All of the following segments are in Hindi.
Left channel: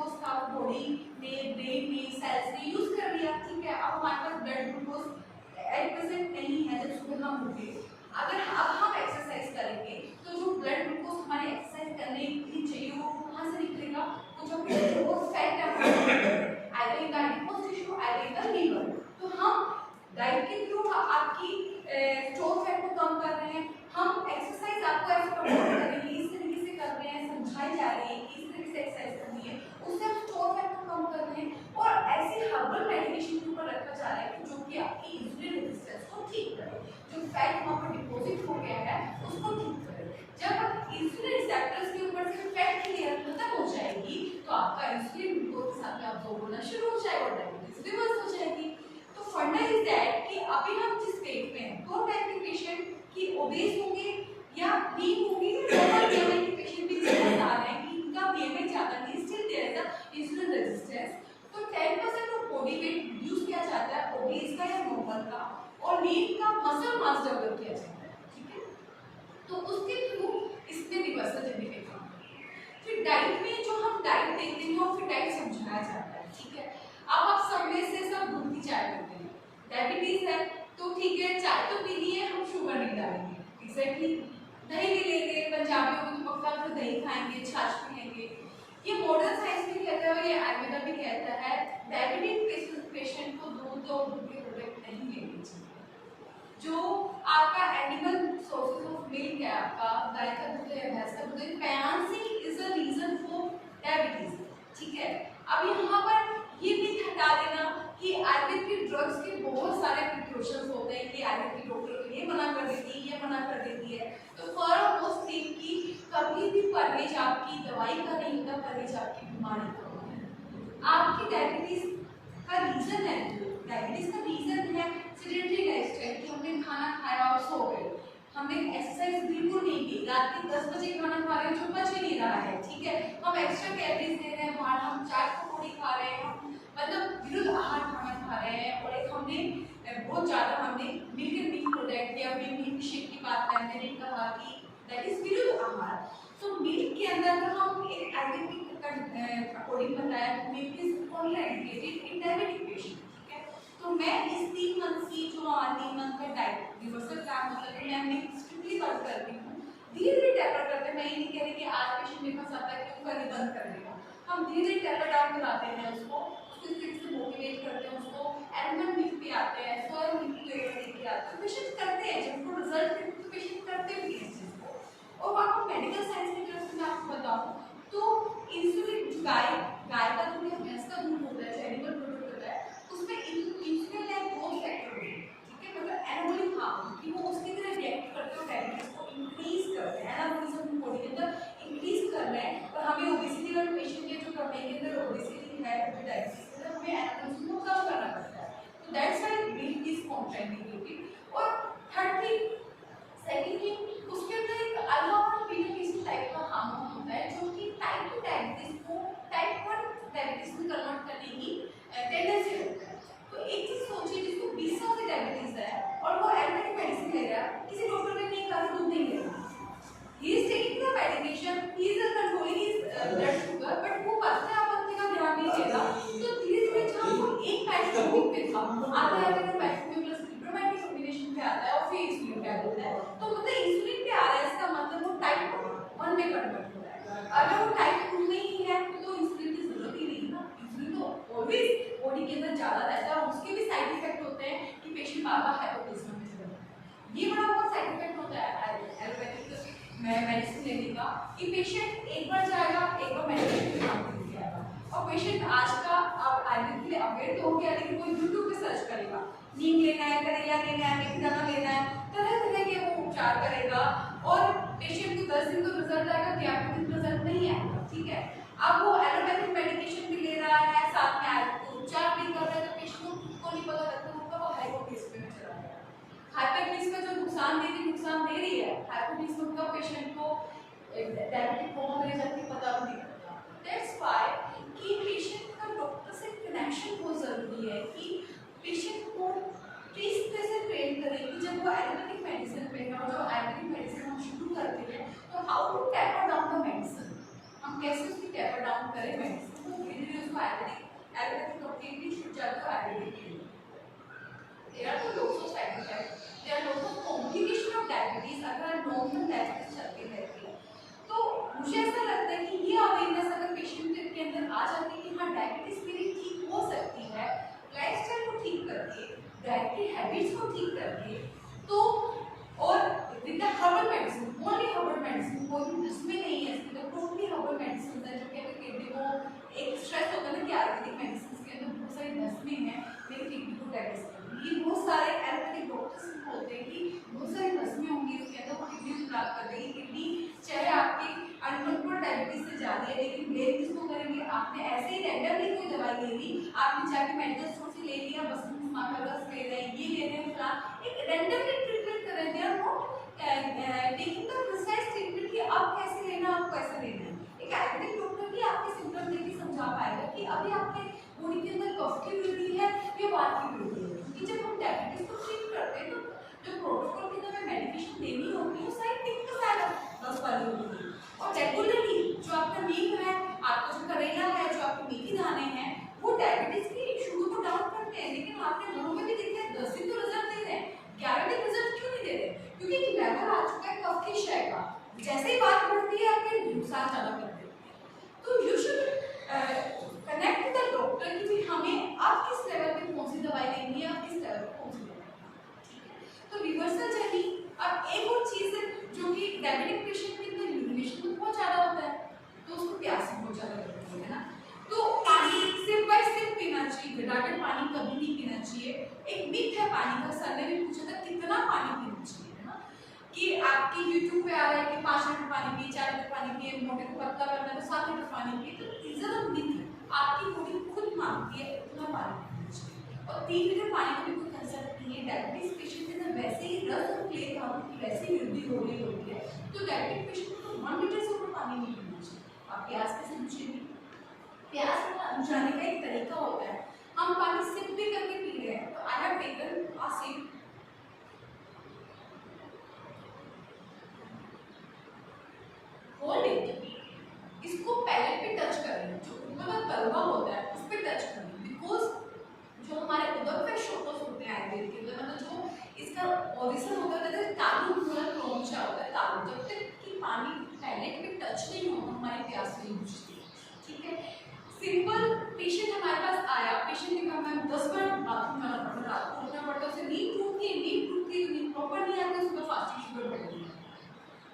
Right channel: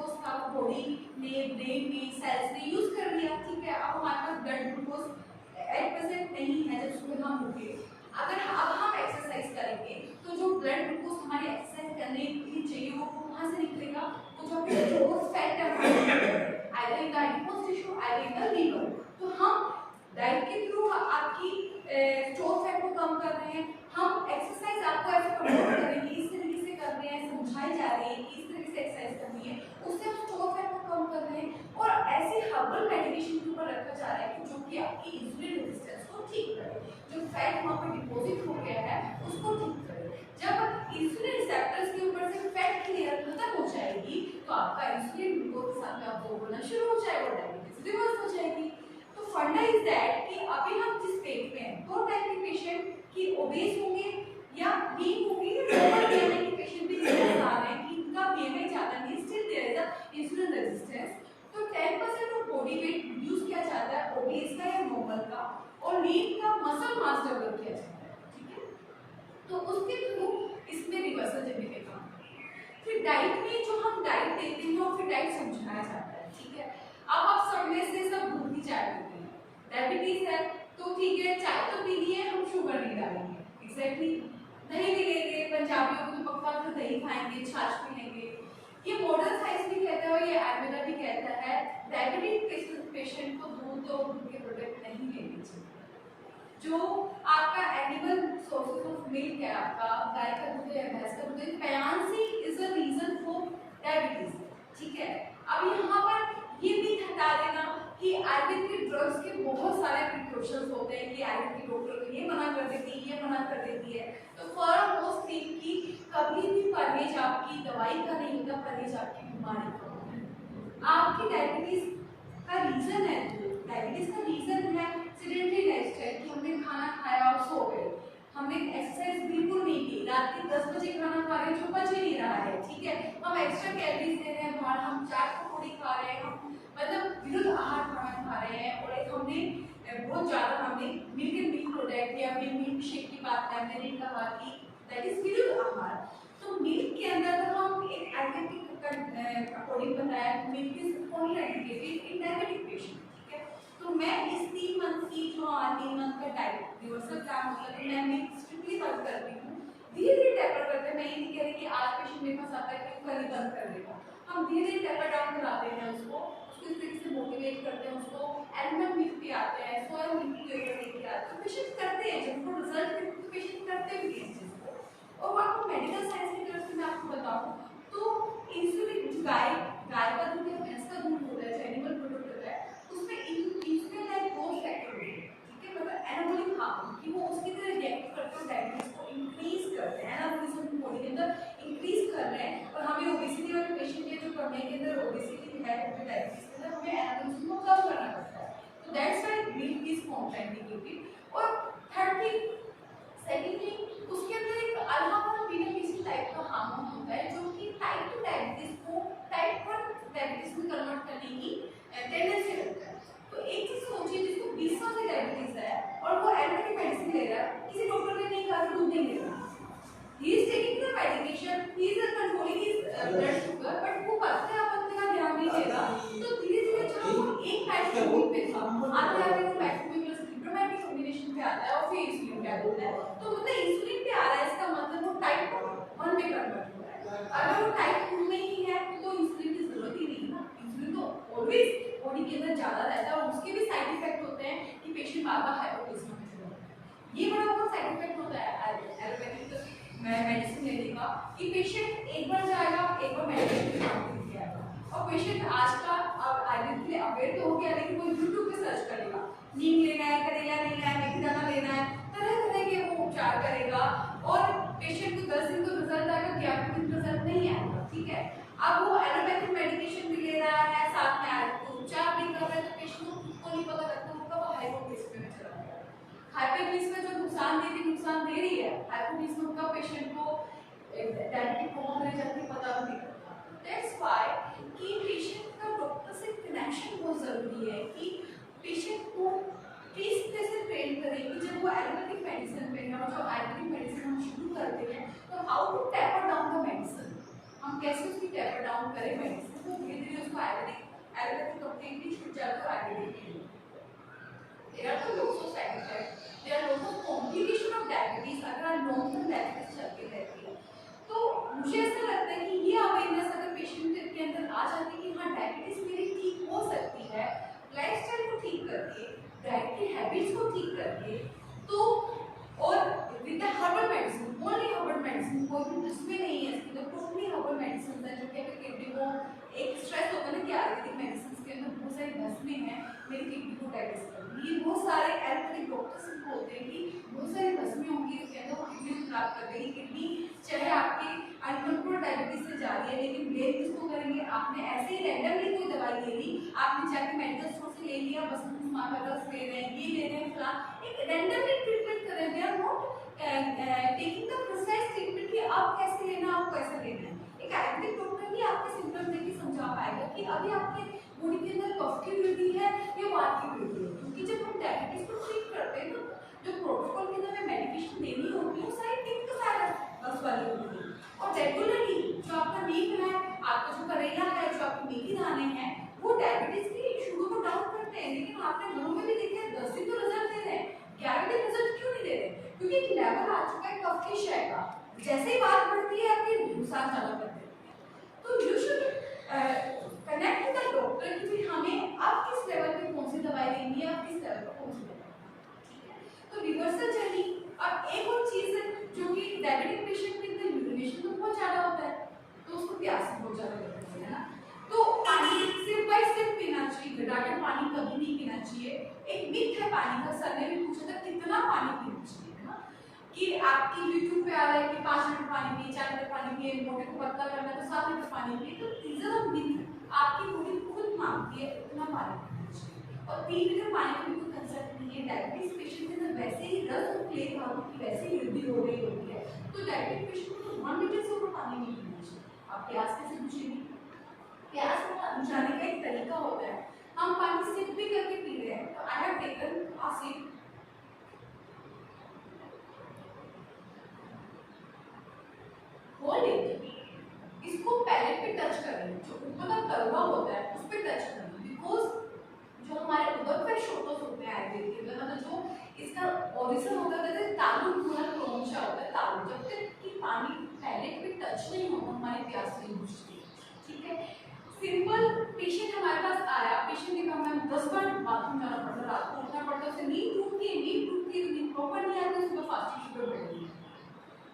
ग्लूकोज था बॉडी ने ब्रेन में सेल्स ने यूज कर लिया, ठीक है। अब हमारे पास ब्लड ग्लूकोज एट प्रेजेंट नहीं है जब सुबह हम उठे। अगर अब हम एक्सरसाइज करेंगे तो जो ब्लड ग्लूकोज हमारे एक्सरसाइज करने के लिए चाहिए वो कहाँ से निकलेगा? तो जो ग्लूकोज फैट है either in the adipose tissue either in the liver. तो हम डाइट के थ्रू आपकी स्टोर फैट को कम कर रहे हैं, हम एक्सरसाइज आपको ऐसे प्रमोट करेंगे, इस तरीके से कर रहे हैं, समझाई जा रही है कि इस तरीके से एक्सरसाइज करनी है, उससे हम स्टोर फैट को कम कर रहे हैं और ऐसी हर्बल मेडिकेशन के ऊपर रखा जा रहा है कि जो कि आपकी इंसुलिन रेजिस्टेंस को ठीक करे, जो फैट वहाँ पर डिपॉजिट हो गया है उसको ठीक करे। जब इंसुलिन रिसेप्टर्स के ऊपर से फैट की लेयर खत्म हो जाएगी तो आपका इंसुलिन ग्लूकोज के साथ में आपको होना शुरू हो जाएगा और डायबिटीज रिवर्स हो जाएगी। तो फंडा इज दैट कि अभी हम जिस पेट में हैं दो टाइप के पेशेंट की ओबेस होंगे या वीक होंगे, नॉर्मल बीएमआई के पेशेंट भी नजर आ रहे हैं कि इनका बीएमआई ज्यादा नहीं, still there is a insulin resistance. तो 10% ऑफ बॉडी वेट रिड्यूस किया जाता है ओबेस का या नॉर्मल का, और लीन का मसल मास डेवलप किया जाता है, ठीक है। तो उसके थ्रू इसमें रिवर्सल जनरेट होता है। फिर डाइट में जो हम डाइट देते हैं और फिर डाइट समझाया जाता है, ठीक है। अब आप सब में से सब दूध की चाय पीते हैं, डायबिटीज है तो ठीक है चाय तो पीनी है, हम शुगर नहीं डालेंगे, एग्जैक्टली। दही भी लेंगे, पंजाबियों को तो पक्का फिर दही खाएंगे, छाछ पीएंगे। ये मॉडर्न साइंस भी कहता है और ये आयुर्वेदा भी कहता है डायबिटीज पेशेंट को दूध और दूध के प्रोडक्ट नहीं लेने चाहिए। जो आपका एनिमल सोर्सेज ऑफ मिल्क है, आपका गाय का दूध है, भैंस का दूध है, पैंसी is a reason for diabetes, ठीक है। अब यहाँ पर ये भी हटा देना कि आयुर्वेद के ड्रग्स के बहुत सारे प्रिकॉशंस होते हैं कि आयुर्वेद की डॉक्टर ये मना कर देती है, ये मना कर देती है। तो फॉर मोस्ट थिंग कि कभी भी परहेज आपकी दवाई का नहीं होता, परहेज आपकी बीमारी का होता है। आपकी डायबिटीज का रीजन है, डायबिटीज का रीजन है सेडेंटरी लाइफस्टाइल कि हमने खाना खाया और सो गए, हमने एक्सरसाइज बिल्कुल नहीं की, रात के 10 बजे खाना खा रहे हैं जो पच ही नहीं रहा है, ठीक है। हम एक्स्ट्रा कैलोरीज ले रहे हैं बाहर, हम चाट पकौड़ी खा रहे हैं, हम मतलब विरुद्ध आहार खाना खा रहे हैं। और एक हमने बहुत ज़्यादा हमने मिल्क प्रोडक्ट या फिर मिल्क शेक की बात है, मैंने कहा कि दैट इज विरुद्ध आहार। तो मिल्क के अंदर हम एक आयुर्वेदिक अकॉर्डिंग बताया milk is contraindicated in diabetic patient, ठीक है। तो मैं इस 3 मंथ की जो 3 मंथ का डाइट रिवर्सल का मतलब है मैं मिल्क स्ट्रिक्टली बंद करती हूँ, धीरे धीरे टेपर करते हैं। मैं ये नहीं कह रही कि आज पेशेंट मेरे पास आता है कि वो कल ही बंद कर देगा, हम धीरे धीरे टेपर डाउन कराते हैं उसको, इस तरीके से मोटिवेट करते हैं उसको, एलमंड मिल्क भी आते हैं, सोया मिल्क भी लेके आते हैं, पेशेंट करते हैं। जब उनको रिजल्ट मिलते तो पेशेंट करते भी हैं इस चीज़ को। और आपको मेडिकल साइंस की तरफ से मैं आपको बताऊँ तो इंसुलिन गाय का दूध या भैंस का दूध होता है, एनिमल प्रोडक्ट होता है, उसमें इंसुलिन लाइक ग्रोथ फैक्टर होता है, ठीक है, मतलब एनाबॉलिक हार्मोन कि वो उसकी तरह रिएक्ट करते हैं, डायबिटीज को इंक्रीज करते हैं, एनाबॉलिज्म बॉडी के अंदर इंक्रीज कर रहे हैं। और हमें ओबेसिटी वाले पेशेंट के जो करने के अंदर ओबेसिटी है डायबिटीज के अंदर हमें एनाबॉलिज्म को कम करना पड़ता है। तो that's why milk is contraindicated. और थर्ड थिंग, सेकंड थिंग, उसके अंदर एक अल्फा 1 बीटा किसी टाइप का हार्मोन होता है जो कि टाइप 2 डायबिटीज को टाइप 1 डायबिटीज में कन्वर्ट करने की टेंडेंसी रखता है। तो एक चीज सोचिए जिसको 20 साल से डायबिटीज है और वो एलोपैथिक मेडिसिन ले रहा है, किसी डॉक्टर ने नहीं कहा कि दूध नहीं लेना, he is taking the medication, he is controlling his blood sugar, but वो पथ्य आपत्ति का ध्यान नहीं देगा। तो धीरे धीरे जब हम एक पैरामीटर पे आता है तो पैरामीटर प्लस लिब्रोमैटिक कॉम्बिनेशन पे आता है और फिर इंसुलिन पे आ जाता है। तो मतलब इंसुलिन पे आ रहा है इसका मतलब वो टाइप 1 में कन्वर्ट हो रहा है। अगर वो टाइप 2 में ही है तो इंसुलिन की जरूरत ही नहीं ना, इंसुलिन तो ऑलवेज बॉडी के अंदर ज्यादा रहता है और उसके भी साइड इफेक्ट होते हैं कि पेशेंट बार-बार हाइपोग्लाइसेमिया में चला जाता है। ये बड़ा बहुत साइड इफेक्ट होता है एलोपैथिक मेडिसिन लेने का कि पेशेंट एक बार जाएगा, एक बार मेडिकेशन पे काम करके आएगा। और पेशेंट आज का आयुर्वेद के लिए अवेयर तो हो गया, लेकिन वो यूट्यूब पे सर्च करेगा, नीम लेना है, करेला लेना है, मेथी दाना लेना है, तरह तरह के वो उपचार करेगा और पेशेंट को 10 दिन तो रिजल्ट आएगा, 11वें दिन रिजल्ट नहीं आएगा, ठीक है। अब वो एलोपैथिक मेडिकेशन भी ले रहा है, साथ में आयुर्वेद उपचार भी कर रहा है, तो पेशेंट को खुद को नहीं पता लगता होगा वो हाइपोग्लाइसेमिया में चला गया। हाइपरग्लाइसेमिया जो नुकसान दे रही है, हाइपोग्लाइसेमिया का पेशेंट को डायबिटिक कोमा में जाके पता भी नहीं लगता। दैट्स व्हाई कि पेशेंट का डॉक्टर से कनेक्शन बहुत जरूरी है कि पेशेंट को किस तरह से ट्रेन करें कि जब वो एलोपैथिक मेडिसिन पे है और जो आयुर्वेदिक मेडिसिन हम शुरू करते हैं तो how to taper down the medicine, हम कैसे उसकी टेपर डाउन करें मेडिसिन, तो धीरे ब्लेम किसको करेंगे? आपने ऐसे ही रैंडमली कोई दवाई ले ली, आपने जाके मेडिकल स्टोर से ले लिया, बस मार्कर्स ले रहे हैं, ये ले रहे हैं, फलां एक रैंडमली ट्रीटमेंट कर रहे हैं। They are not taking the precise treatment कि अब कैसे लेना, अब कैसे लेना है। एक आयुर्वेदिक डॉक्टर ही आपके सिम्टम देख के समझा पाएगा कि अभी आपके बॉडी के अंदर कफ की वृद्धि है या वात की वृद्धि है। क्योंकि जब हम डायबिटीज को ट्रीट करते हैं तो जो प्रोटोकॉल के अंदर हमें मेडिकेशन देनी होती है वो सारी टिक टू साइड बस वाली होती है। और रेगुलरली जो आपका नीम है, आपका जो करेला है, जो आपके मेथी दाने हैं, वो डायबिटीज की शुगर को डाउन करते हैं। लेकिन आपने घरों में भी देखा है 10 दिन तो रिजल्ट दे रहे हैं, 11वें दिन रिजल्ट क्यों नहीं दे रहे? क्योंकि एक लेवल आ चुका है कफ की शय का, जैसे ही बात बढ़ती है आपके नुकसान ज्यादा कर देते हैं। तो you should connect with the doctor कि भी हमें अब किस लेवल पे कौन सी दवाई लेनी है, अब किस लेवल पे कौन सी दवाई। तो रिवर्सल जर्नी। अब एक और चीज है जो कि डायबिटिक पेशेंट के अंदर यूरिनेशन तो बहुत ज्यादा होता है, तो उसको प्यास बहुत ज्यादा लगती है ना, तो पानी सिप बाय सिप पीना चाहिए, घटाकर पानी कभी नहीं पीना चाहिए। एक मिथ है पानी का, सर ने भी पूछा था कितना पानी पीना चाहिए, है ना, कि आपकी यूट्यूब पे आ रहा है कि 5 लीटर पानी पिए, 4 लीटर पानी पिए, मोटे को पतला करना है तो 7 लीटर पानी पिए। तो रीजन ऑफ मिथ है, आपकी बॉडी खुद मांगती है उतना पानी पीना चाहिए। और 3 लीटर पानी का भी कोई कंसेप्ट नहीं है। डायबिटीज पेशेंट के अंदर वैसे ही रस और प्लेग हार्मोन की वैसे ही वृद्धि हो रही होती है, तो डायबिटिक पेशेंट को 1 लीटर से ऊपर पानी नहीं पीना चाहिए। आप प्यास कैसे बुझेगी? प्यास बुझाने का एक तरीका होता है, हम पानी सिप भी करके पी रहे हैं। तो I have taken a sip, hold it, इसको पैलेट पे टच करें, जो ऊपर का तलवा होता है उस पे टच करें, बिकॉज जो हमारे उदर शोटोस होते हैं आयुर्वेद के अंदर, मतलब जो इसका ओरिजिन होता है तालु पूरा क्रॉन्चा होता है तालु, जब तक कि पानी पैलेट पे टच नहीं होगा हमारी प्यास नहीं बुझती। ठीक है, सिंपल पेशेंट हमारे पास आया, पेशेंट ने कहा मैम 10 बार बाथरूम जाना पड़ता है, रात को उठना पड़ता है, उसे नींद टूटती है, नींद प्रॉपर नहीं आती, उसका फास्टिंग शुगर बढ़ गई।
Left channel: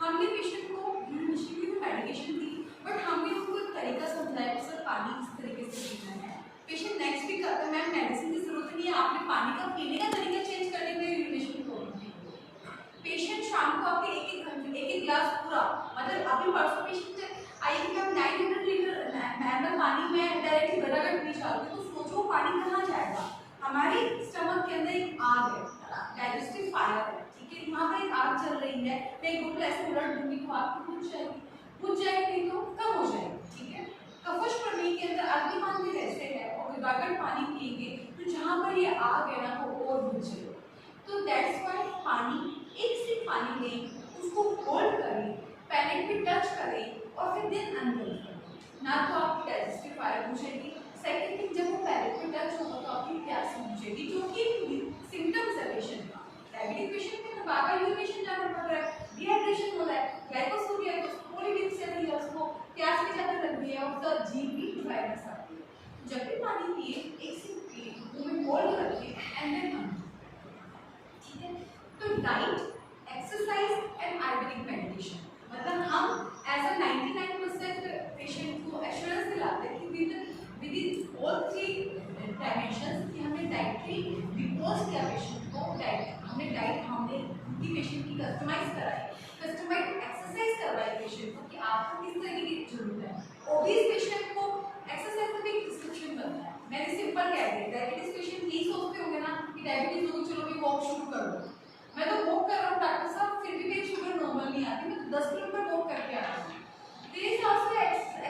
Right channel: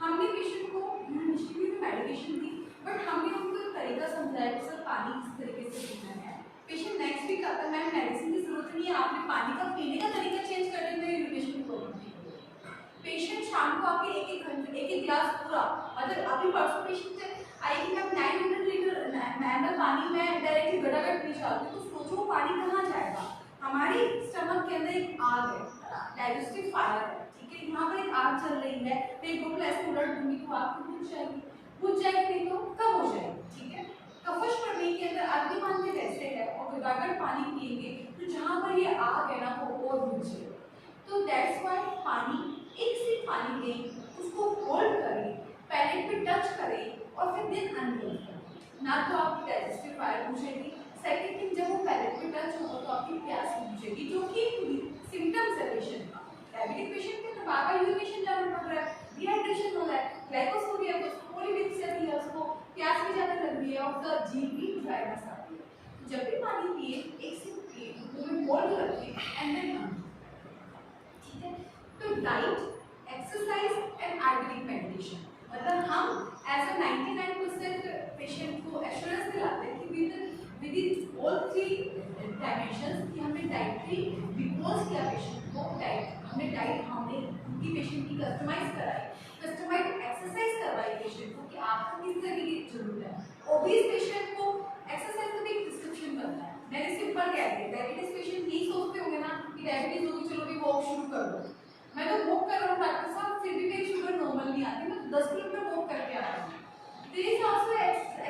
हमने पेशेंट को इनिशियली तो मेडिकेशन दी, बट हमने उनको एक तरीका समझाया कि सर पानी इस तरीके से पीना है। पेशेंट नेक्स्ट वीक आता है, मैम मेडिसिन की जरूरत नहीं है, आपने पानी का पीने का तरीका चेंज करने में यूरिनेशन प्रॉब्लम ठीक हो गई। पेशेंट शाम को आके एक गिलास पूरा, मतलब अभी परसों पेशेंट आई कि मैम 900 लीटर नॉर्मल पानी में डायरेक्टली घटाघट पी चाहती हूँ, तो सोचो पानी कहाँ जाएगा? हमारी स्टमक के अंदर एक आग है, डाइजेस्टिव फायर है, यहाँ पर एक आग चल रही है, मैं एक बोतल ऐसे उलट दूंगी तो आग तो बुझ जाएगी नहीं तो कम हो जाएगी। ठीक है, कफश प्रमेय के अंदर अग्निमान में जैसे है और विभागन पानी पिएंगे तो जहाँ पर ये आग है ना वो और बुझ जाएगी। तो दैट्स व्हाई पानी, एक सिप पानी लें, उसको होल्ड करें, पैलेट पे टच करें और फिर देन अनहोल्ड करें, ना तो आपकी डाइजेस्टिव फायर बुझेगी। सेकेंड थिंग, जब वो पैलेट पे टच होगा तो आपकी प्यास बुझेगी, जो कि सिम्टम्स है पेशेंट का। डायबिटिक पेशेंट के बार-बार यूरिनेशन जाना पड़ रहा है, डिहाइड्रेशन हो रहा है, ग्लाइकोसूरिया है, उसको पॉलीडिप्स चल रही है, उसको प्यास भी ज़्यादा लग रही है और उसका जीभ भी ड्राइनेस आती है। जब भी पानी पिए, एक सिप पिए, मुंह में होल्ड रखिए एंड देन, ठीक है। तो diet, exercise and Ayurvedic meditation, मतलब हम एज अ 99% पेशेंट को एश्योरेंस दिलाते हैं कि विद ऑल 3 डायमेंशंस कि हमने डाइटरी बिकॉज क्या पेशेंट को डाइट, हमने उनकी पेशेंट की कस्टमाइज कराई, कस्टमाइज एक्सरसाइज करवाई पेशेंट को कि आपको किस तरीके की जरूरत है। ओबीस पेशेंट को एक्सरसाइज का भी प्रिस्क्रिप्शन बनता है, मैंने सिंपल कह दिया। डायबिटीज पेशेंट यही सोचते होंगे ना कि डायबिटीज होगी चलो भी वॉक शुरू कर दो, मैं तो वॉक कर रहा हूँ डॉक्टर साहब फिर भी मेरी शुगर नॉर्मल नहीं आती, मैं तो 10 किलोमीटर वॉक करके आ रहा हूँ। There is also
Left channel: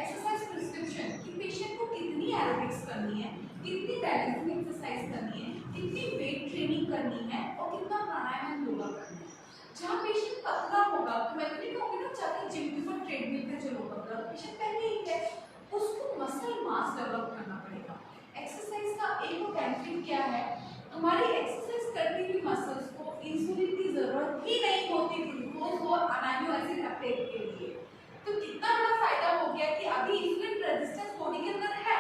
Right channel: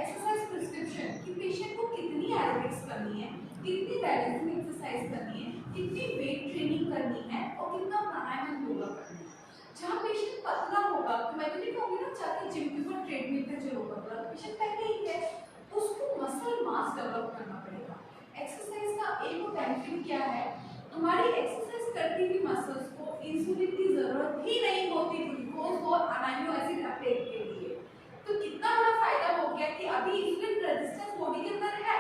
exercise prescription कि पेशेंट को कितनी एरोबिक्स करनी है, कितनी बैलेंसिंग एक्सरसाइज करनी है, कितनी वेट ट्रेनिंग करनी है और कितना प्राणायाम योगा करना है। जहाँ पेशेंट पतला होगा तो मैं तो नहीं कहूँगी ना चाहे जिम के ऊपर ट्रेडमिल पे चलो पतला, पेशेंट पहले ही है, उसको मसल मास डेवलप करना पड़ेगा। एक्सरसाइज का एक बेनिफिट क्या है, हमारी एक्सरसाइज करती हुई मसल्स को इंसुलिन की जरूरत ही नहीं होती ग्लूकोज और अमीनो एसिड अपटेक के लिए। तो कितना बड़ा फायदा हो गया कि अभी इंसुलिन रेजिस्टेंस बॉडी के अंदर है,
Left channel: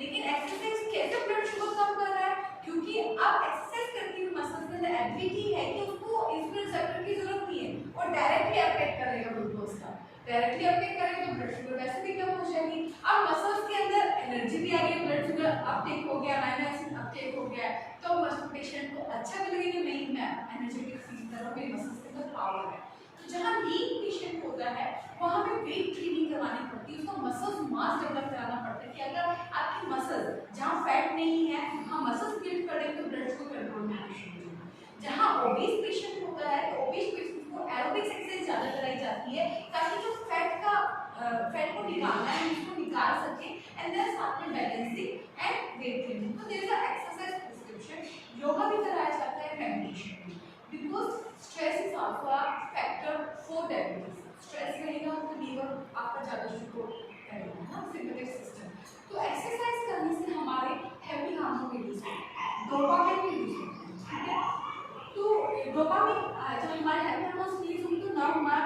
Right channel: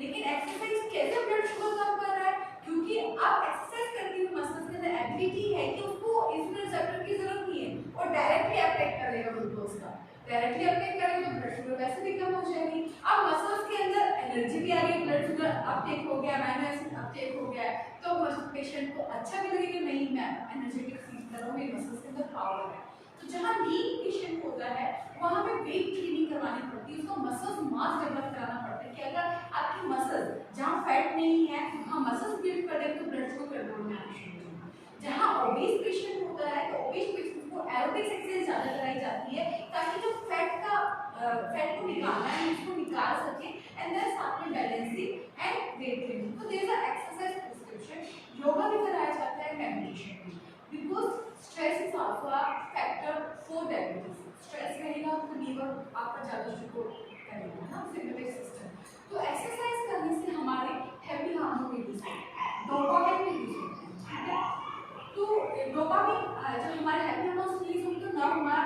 लेकिन एक्सरसाइज कैसे ब्लड शुगर कम कर रहा है, क्योंकि अब एक्सरसाइज करती हुई मसल्स के अंदर एबिलिटी है कि उसको इंसुलिन रिसेप्टर की जरूरत नहीं है और डायरेक्टली अपटेक करेगा ग्लूकोज का, डायरेक्टली अपटेक करेगा तो ब्लड शुगर वैसे भी कम हो जाएगी। अब मसल्स के अंदर एनर्जी भी आ रही है, ब्लड शुगर अपटेक हो गया, अमीनो एसिड अपटेक हो गया, तो पेशेंट को अच्छा भी लगेगा, नहीं मैं एनर्जेटिक फील कर रहा हूँ, मेरे मसल्स के अंदर पावर है। तो जहाँ लीन पेशेंट होता है वहाँ पे वेट ट्रेनिंग करवानी पड़ती है, उसको मसल्स मास है तो ओबेस पेशेंट्स को एरोबिक्स एक्सरसाइज ज़्यादा कराई जाती है ताकि जो फैट को निकालना है उसको निकाल सके एंड देन साथ में बैलेंसिंग एंड वेट ट्रेनिंग। तो there is a exercise prescription. Yoga भी कराया जाता है, मेडिटेशन भी, because stress is also a factor for diabetes. Stress रहेगा तो लीवर आपका ज़्यादा शुगर करेगा ना, सिंपैथेटिक सिस्टम। तो एक्सरसाइज करने से हमारे हैप्पी हार्मोन रिलीज होते हैं, डोपामाइन रिलीज होते हैं, ठीक है। तो डोपामाइन जब हमारे हैप्पी हार्मोन्स रिलीज होंगे तो ना हमारा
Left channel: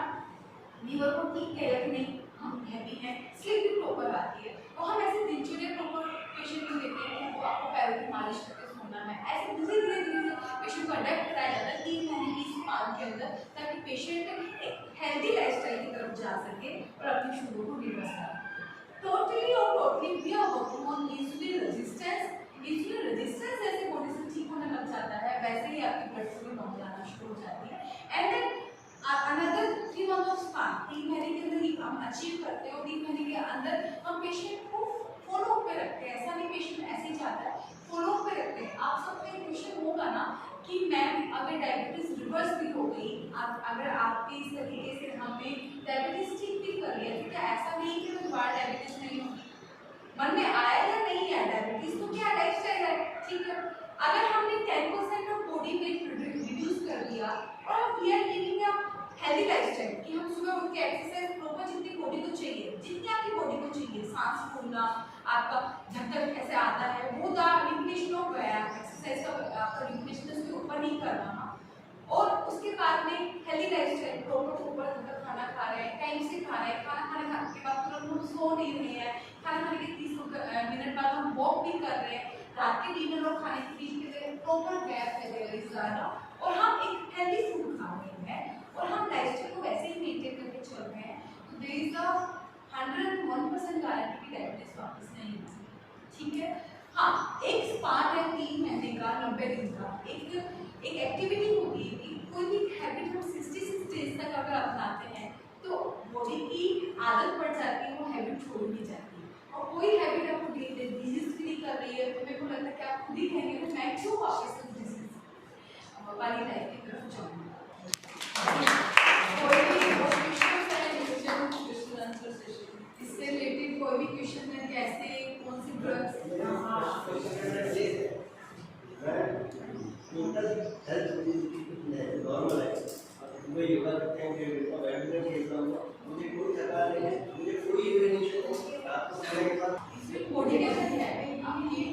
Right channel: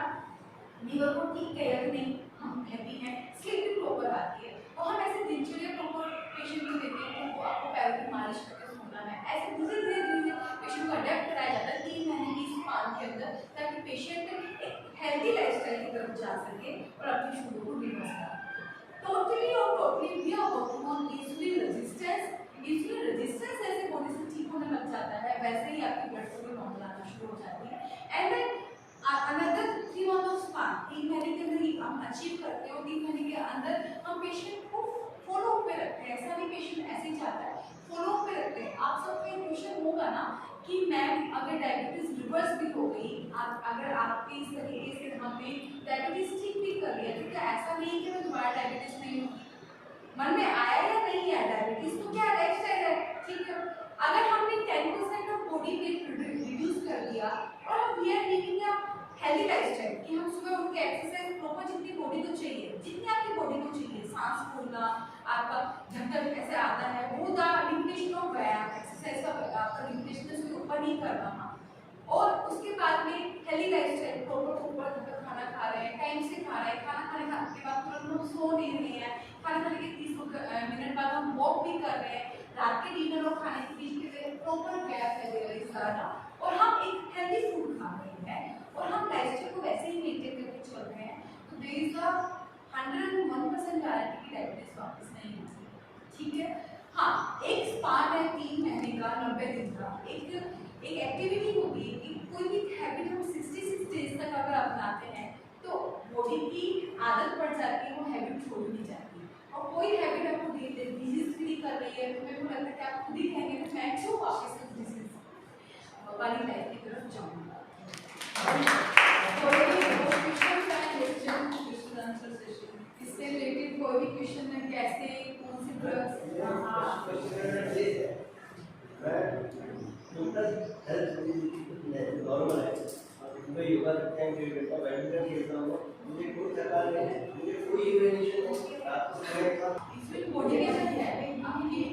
लीवर को ठीक कहेगा कि नहीं हम हैप्पी हैं, स्लीप भी प्रॉपर आती है। तो हम ऐसे दिनचर्या प्रॉपर पेशेंट को देते हैं कि वो आपको पैरों की मालिश करके सोना है, ऐसे धीरे धीरे पेशेंट को अडेप्ट कराया जाता है 3 महीने की स्पान के अंदर, ताकि पेशेंट एक हेल्दी लाइफस्टाइल की तरफ जा सके और अपनी शुगर को रिवर्स कर सके। Totally we are working on insulin resistance. Insulin resistance जैसे बॉडी से ठीक होने लग जाता है वैसे ही आपकी ब्लड शुगर नॉर्मल आना शुरू हो जाती है। And then another 3 month of span, 3 महीने के अंदर ही हम अचीव करते हैं और 3 महीने के अंदर हम पेशेंट को फॉलो अप पे रखते हैं। ऐसा नहीं पेशेंट ऐसे ही जाता है, फॉलो अप पे रखते हैं। आप सबका एक क्वेश्चन होगा ना कि मैम अगर डायबिटीज रिवर्स भी हो गई, अगर आपके इस तरीके से हमने डायबिटीज ठीक भी कर लिया तो क्या ऐसा नहीं कि दोबारा डायबिटीज नहीं होगी? मन में आया या नहीं है डायबिटीज तो क्या लाइफस्टाइल है, ठीक है। अगर हमने 10% ऑफ बॉडी वेट रिड्यूस कर दिया और we are living a healthy lifestyle कि हम सुबह उठ के एक्सरसाइज प्रॉपर जितनी बॉडी को चाहिए, जितनी आपकी बॉडी को चाहिए, सांस फूलना, आपका धड़कन कैसे आता है, वो द लिमिटेशन ऑफ व्यायाम एक्सरसाइज का आपका लिमिटेशन उसके ऊपर नहीं करना। और उसके बाद में हेल्दी लाइफस्टाइल प्रॉपर खाना खा रहे हैं, टाइम से खा रहे हैं, खाना खाने के बाद तुरंत हम सो नहीं रहे हैं, खाना खाने के 30 मिनट बाद हम वॉक भी कर रहे हैं, रात के डिनर और खाने के बीच के प्रॉपर गैप है देयर इज ज़्यादा, और हम एक हेल्दी फूड खा रहे हैं और हम लाइफस्टाइल को वैसे ही मेंटेन करके चल रहे हैं, तो देयर इज अ 101% गारंटी कि डायबिटीज वापस नहीं होगी, ठीक है। हाँ, एक स्पार्ट है 3 महीने का, 90 दिन का, एक एक्टिविटी होगी कि कोई भी हैबिट हम 66 डेज तक अगर अपनाते हैं तो बॉडी की आदत पड़ जाती है, वो हैबिट छोड़ नहीं जाती। और कोई हैबिट आपको डिजीज फ्री कर रही है तो मेरे को लगता है कि आप खुद ही कहेंगे कि मैं क्यों वापस इस डिजीज वाली लाइफ की तरफ जाऊँगा। कोई भी क्वेश्चन इससे रिलेटेड कोई भी क्वेश्चन है, कैसे कौन सी ड्रग्स नॉर्मल है, मैं योगा करते हैं और बैडमिंटन खेलता हूँ, मुझे कोई थकान नहीं है, मुझे कोई इरिटेशन नहीं है, रात को सोने के बाद इसमें बॉडी कैसे है हम ये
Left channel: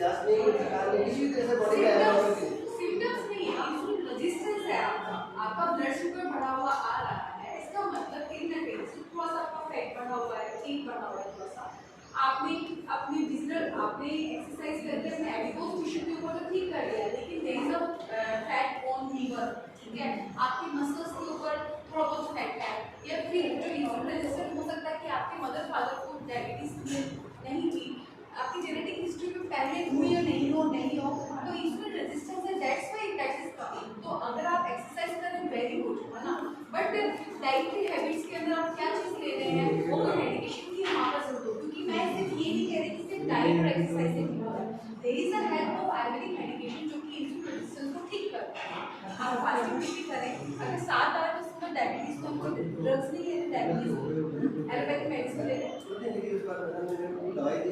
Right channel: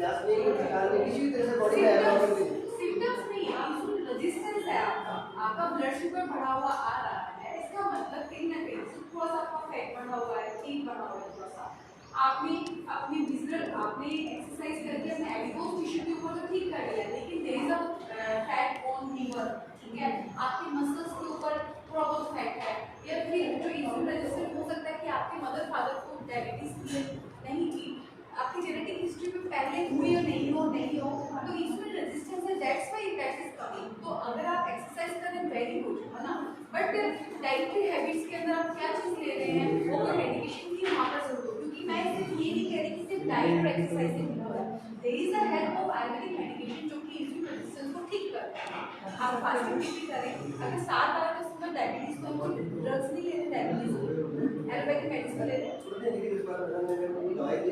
जस्ट नहीं कोई थकान नहीं, किसी तरह से बॉडी में आराम करती है। सिम्टम्स नहीं, इंसुलिन रेजिस्टेंस है आपका ब्लड शुगर बढ़ा हुआ आ रहा है, इसका मतलब कहीं ना कहीं थोड़ा सा आपका फैट बढ़ा हुआ है, ठीक बढ़ा हुआ है थोड़ा सा। आपने अपनी आपने एक्सरसाइज करके अपने एडिपोज टिश्यू के ऊपर तो ठीक कर लिया, लेकिन there is a fat on liver, ठीक है। आपके मसल्स के ऊपर थोड़ा बहुत फैट है, या फिर जो इंसुलिन रेजिस्टेंस हो सकता है कि आपके मदर फादर को डायबिटीज नहीं थी, आपकी जेनेटिक हिस्ट्री में पहले हुई या नहीं हो तो इंसुलिन रेजिस्टेंस है, that's why that is coming. तो अगर आप एक्सरसाइज करें वेरी गुड है ना, बट डाइटरी हैबिट्स के अंदर आप क्या चीज़ ले रहे हैं वो तो मेडिकेशन की वहाँ पर जरूरत हो, क्योंकि मैं सिर्फ ये नहीं कह रही कि सिर्फ डाइट और एक्सरसाइज से नहीं हो रहा है, there is a help of Ayurvedic medication जो कि इंसुलिन रेजिस्टेंस को ठीक करता है। आप फास्टिंग भी करें, अगर 7 आवर तो उसमें डायबिटीज तो हम ड्रग्स नहीं ले रहे, डायबिटीज एलोपैथिक मेडिसिन ले रहे हैं। दवाई दी